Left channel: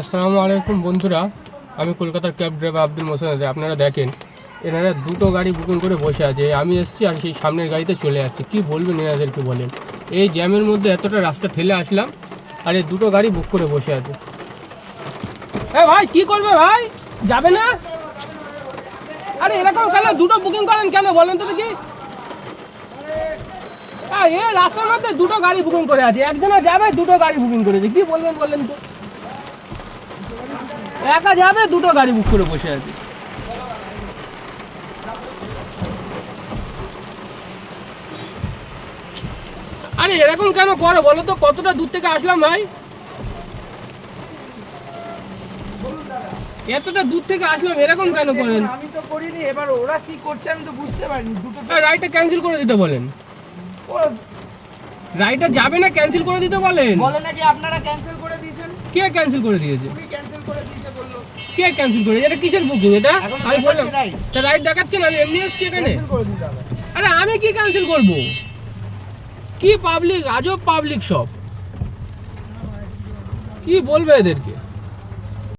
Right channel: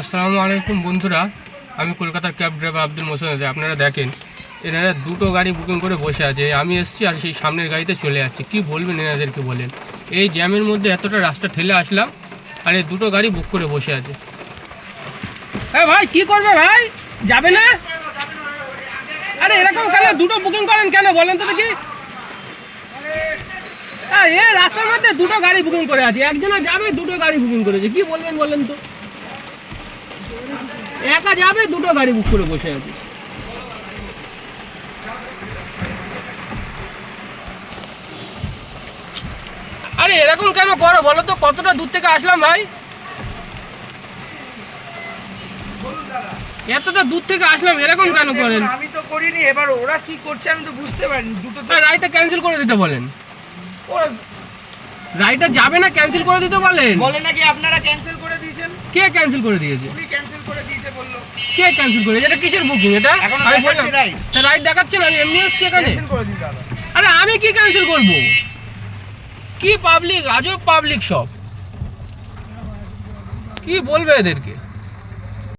আসসালামু আলাইকুম বন্ধুরা, আমি কলকাতার ক্যাব ড্রাইভার আব্দুল মোহসেন। আপনারা দেখেন এনারা দুটো গাড়ি বুকিং করে বসে আছে। আমি এসেছি আর সেই সামনের গাড়িতে চলে যাচ্ছি। কি বলবেন এনাদেরকে বলেন? এই জ্যামের মধ্যে এতটা রাস্তা ঠেলে আসলাম আর এই দুটো গাড়ি বুক করে বসে আছে। ভাই কি করবে ভাই, যাবে না? আরে এরকম কেন দুটো বুকিং করেন কেন বলেন তো দেখি? এ রাস্তার মধ্যে দুটো গাড়ি বুকিং করে আছে, একজনে যাবে দুটো গাড়ি বুকিং করেছে। কি বলবেন বলেন তো? একা যাবে দুটো গাড়ি বুক করে বসে আছে। আরে এরকম কেন করো বলো তো? কতটা দূর থেকে আসলাম ভাই, এতটা দূর থেকে আসলাম, এরকম কেন করেন? আমি তো করিনি, এবার ওরা কি করছে আমি তো বুঝতে পারিনি। দুটো রাইডটা ক্যান্সেল করে দিতে বলেন। রাইডটা যাবে না, ক্যান্সেল করে দিতে বলেন। বলে নাকি আপনারা ক্যান্সেল করে দিয়েছেন? কে ক্যান্সেল করে দিয়েছে? উনি ক্যান্সেল করে দিয়েছে বললো। কে ক্যান্সেল করে? এটা কিসের বুকিং? এটা এখন আমি বললাম দেখাচ্ছে রাইড। তা রাইড দেখাচ্ছেন, আমি এমনি এসেছি এখানে। ক্যান্সেল করে দিতে হবে। আরে আমি কি ক্যান্সেল করব? কি পাবলিক, আজব পাবলিক সব। কি বলবে এদেরকে?